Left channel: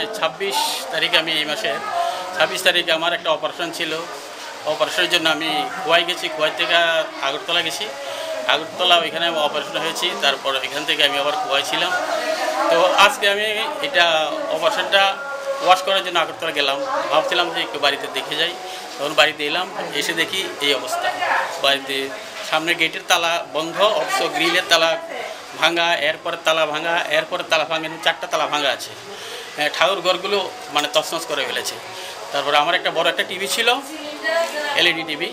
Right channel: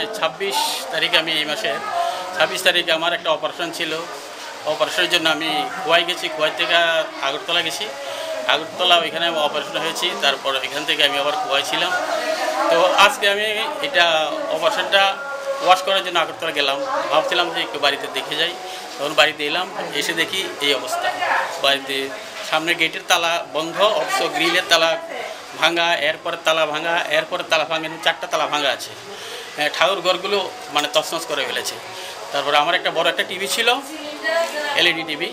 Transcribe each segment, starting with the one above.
মানে 26 তারিখে আমি এই মাসে 26 তারিখে আমার একটা অপারেশন ছিল। অপারেশনের জন্য আমি কুয়াই গেছি, কুয়াই থেকে আগরতলা গেছি। আগরতলা ওইখানে অপারেশন হয়েছি, তারপর এখান থেকে আমি আবার কুয়াই ছিলাম। তো আজকে আমি এটা অপারেশনটা ওয়াশ করার জন্য আগরতলা গেলাম। ভাবছিলাম যে একটু বাড়িতে দেখে যাই, তখন বাড়িতে এলাম, এসে দেখি এই অবস্থা। বাড়িতে সামনে গেটের তালা বন্ধ, অথচ গ্রিলের তালা ভাঙা, এরপরে তালা ভাঙা, এরপরে তালা ভাঙা, 4টা তালা ভাঙা আছে। ঠাকুর ঘরগুলো মানে তছনছ করে ফেলেছে। তারপরে আমার একটা বড় একটা টিভি ছিল, এলইডি টিভি,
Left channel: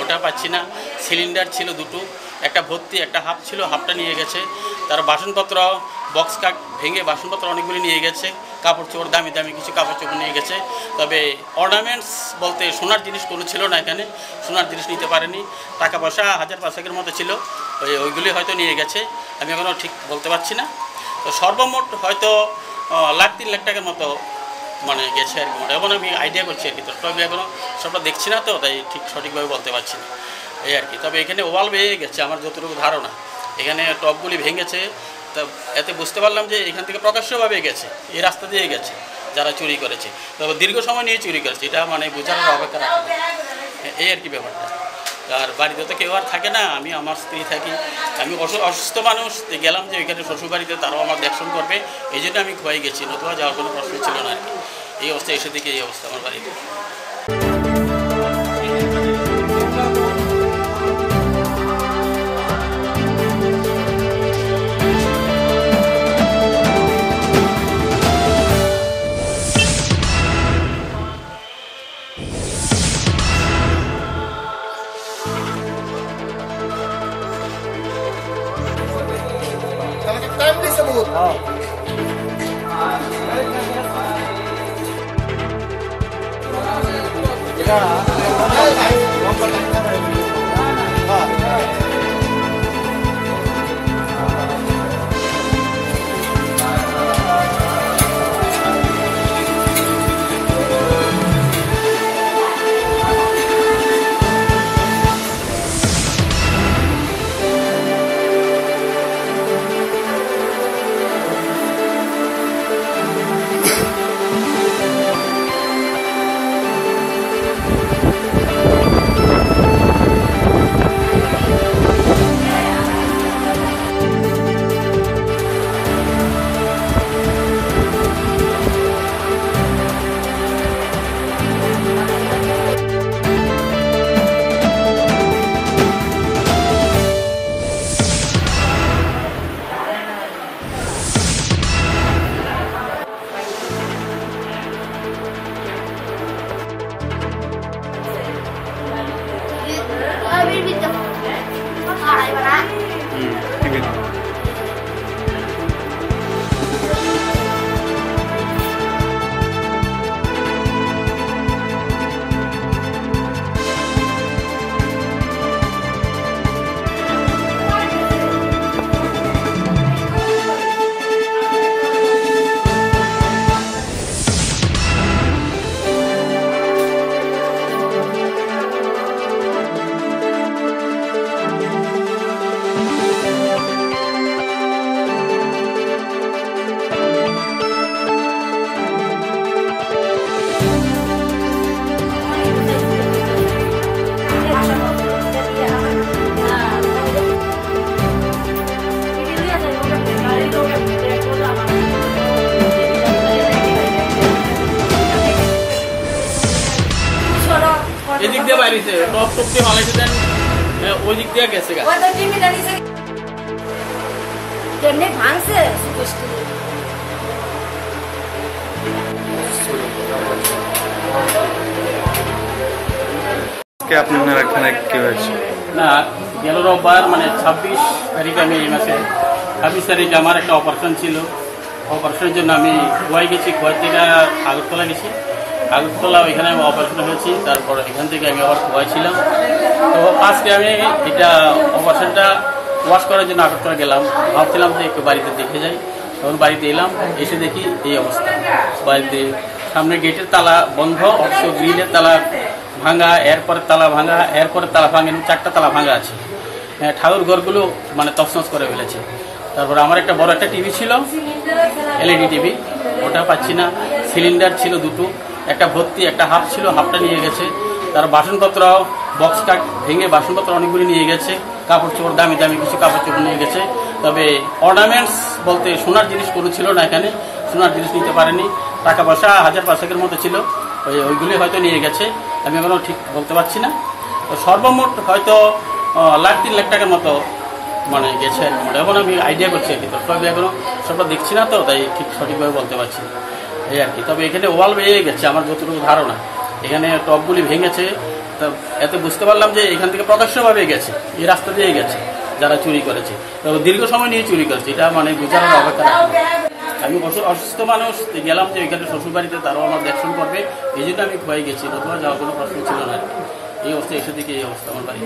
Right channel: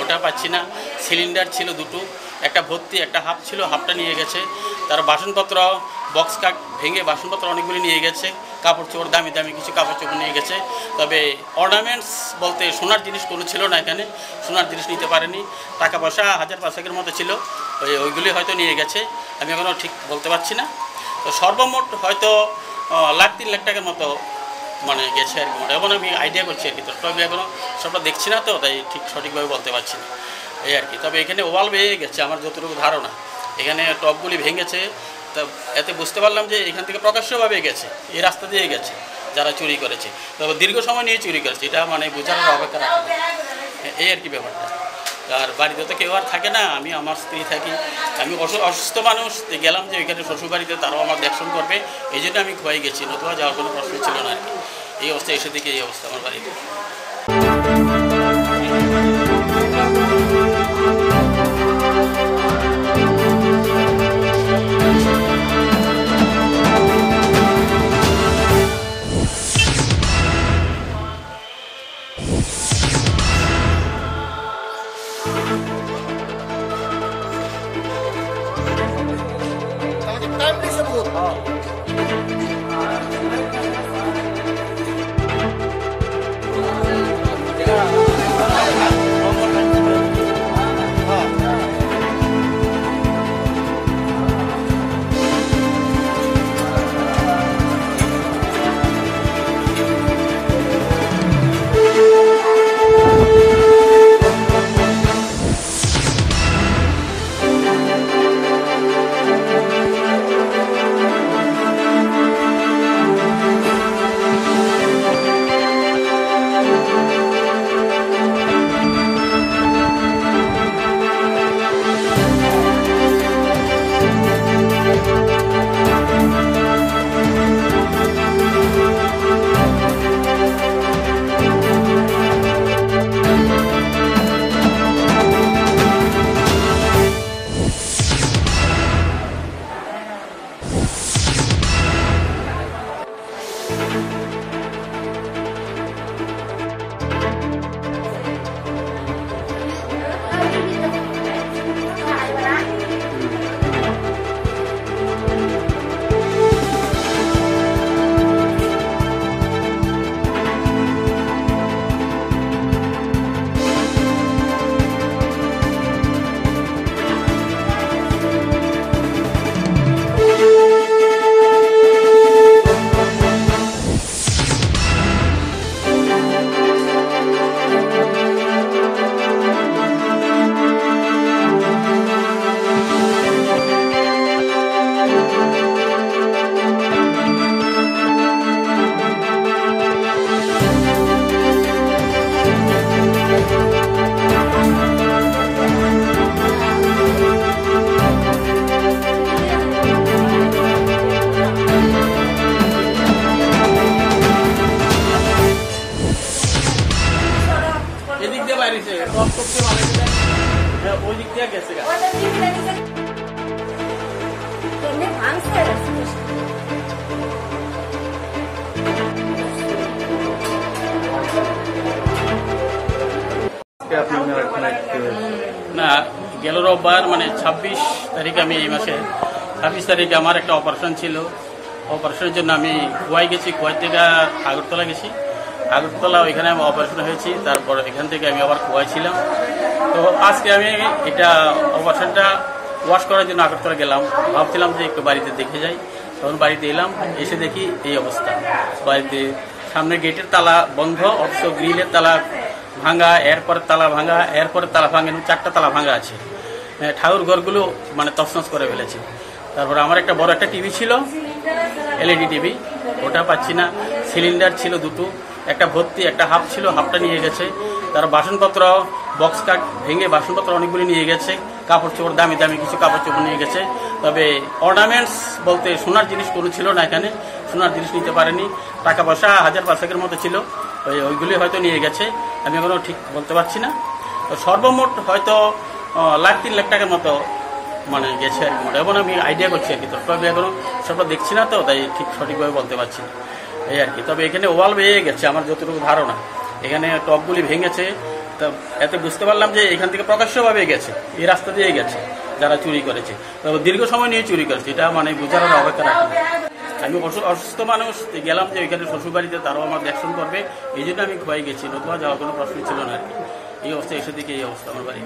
ওটা পাচ্ছি না। সিলিন্ডার ছিল 2টো, একটা ভর্তি, একটা হাফ ছিল, হাফটা নিয়ে গেছে। তার বাসনপত্র বক্স কাট ভেঙে বাসনপত্র অনেকগুলি নিয়ে গেছে। কাপড় চোপড় দামি দামি কিছু কাপড় চোপড় নিয়ে গেছে। তবে অর্নামেন্টস বলতে সোনার জিনিস কোনো ছিল না এখানে, সোনার জিনিস নিতে পারেনি। টাকা পয়সা 1000-500 মতো ছিল, ওইগুলি হয়তো নিয়ে গেছে, আমি এখনও ঠিক বলতে পারছি না। তো সর্বমোট হয়তো 1-3 লাখ টাকার মতো মানে গেছে আর কি। এখন আমি আইডিয়া করছি আর কি, তো তবে এখনও সবটা দেখছি না, তো তাই ঠিক সঠিকভাবে বলতে পারছি না এই আর কি। তবে এখানে ওয়াল ভেঙে গেছে আমার যতটুকু ধারণা, এখানে টপগুলি ভেঙেছে। তা এতে বুঝতে পারলাম যে এখান থেকে প্রকাশ্যভাবে গেছে, এই রাস্তা দিয়ে গেছে যারা চুরি করেছে। তবে দীর্ঘ সময় নিয়ে চুরি করেছে, এটা মানে বোঝার অপেক্ষা রাখে এই আর কি ব্যাপারটা। আর বাড়িতে তো কেউ আর থাকে না, আমি আমার স্ত্রী থাকি। আমি অসুস্থ মানুষ, গেলাম যে ওইখানে শ্বশুরবাড়িতে, তারাও আমার দেখশন করবে, এই জন্য আমি খুয়াই গেছি, নতুবা যাওয়ার কোনো প্রশ্ন ছিল না আর কি। এই অবস্থা এসে দেখি এই অবস্থা আমার বাড়িতে। এদিক দিয়ে বাইরেছে টপ টপ দিয়ে ভালো দিতেন, ওই দিক দিয়ে গেছে গা ভাঙছে। না, গেল রোববার মানে 26 তারিখে আমি এই মাসে 26 তারিখে আমার একটা অপারেশন ছিল। অপারেশনের জন্য আমি কুয়াই গেছি, কুয়াই থেকে আগরতলা গেছি। আগরতলা ওইখানে আমি অপারেশন হয়েছি, তারপর এখান থেকে আমি আবার কুয়াই ছিলাম। তো আজকে আমি এটা অপারেশনটা ওয়াশ করার জন্য আগরতলা গেলাম। ভাবছিলাম যে একটু বাড়িতে দেখে যাই, তখন বাড়িতে এলাম, এসে দেখি এই অবস্থা। বাড়িতে সামনে গেটের তালা বন্ধ, অথচ গ্রিলের তালা ভাঙা, এরপরে তালা ভাঙা, এরপরে তালা ভাঙা, 4টা তালা ভাঙা আছে। ঠাকুর ঘরগুলো মানে তছনছ করে ফেলেছে। তারপরে আমার একটা বড় একটা টিভি ছিল, এলইডি টিভি, ওটা পাচ্ছি না। সিলিন্ডার ছিল দুটো, একটা ভর্তি একটা হাফ ছিল, হাফটা নিয়ে গেছে। তার বাসনপত্র বক্স কাট ভেঙে বাসনপত্র অনেকগুলি নিয়ে গেছে। কাপড় চোপড় দামি দামি কিছু কাপড় চোপড় নিয়ে গেছে। তবে অর্নামেন্টস বলতে সোনার জিনিস কোনো ছিল না এখানে, সোনার জিনিস নিতে পারেনি। টাকা পয়সা 1000-500 মতো ছিল, ওইগুলি হয়তো নিয়ে গেছে। আমি এখনো ঠিক বলতে পারছি না। তো সর্বমোট হয়তো 1-3 লাখ টাকার মতো মানে গেছে, এখন আমি আইডিয়া করছি আর কি। তারপরে এখনো সবটা দেখছি না, তো তাই ঠিক সঠিকভাবে বলতে পারছি না এই আর কি। তবে এখানে ওভাল বেয়ে গেছে আমার যতটুকু ধারণা, এখানে টপগুলি ভেঙেছে। তো এতে বুঝতে পারলাম যে এখান থেকে প্রকাশ্যভাবে গেছে, এই রাস্তা দিয়ে গেছে যারা চুরি করেছে। তো দীর্ঘ সময় নিয়ে চুরি করেছে, এটা মানে বিচারের অপেক্ষা। আমি অসুস্থ মানুষ, গেলাম যে এখানে শ্বশুরবাড়িতে, তারাও আমার দেখশন করবে, এই জন্য আমি খোয়াই গেছি। তখন যাওয়ার কোনো প্রশ্ন ছিল না। এই অবস্থা এসে দিকে এই অবস্থা আমার বাড়ি।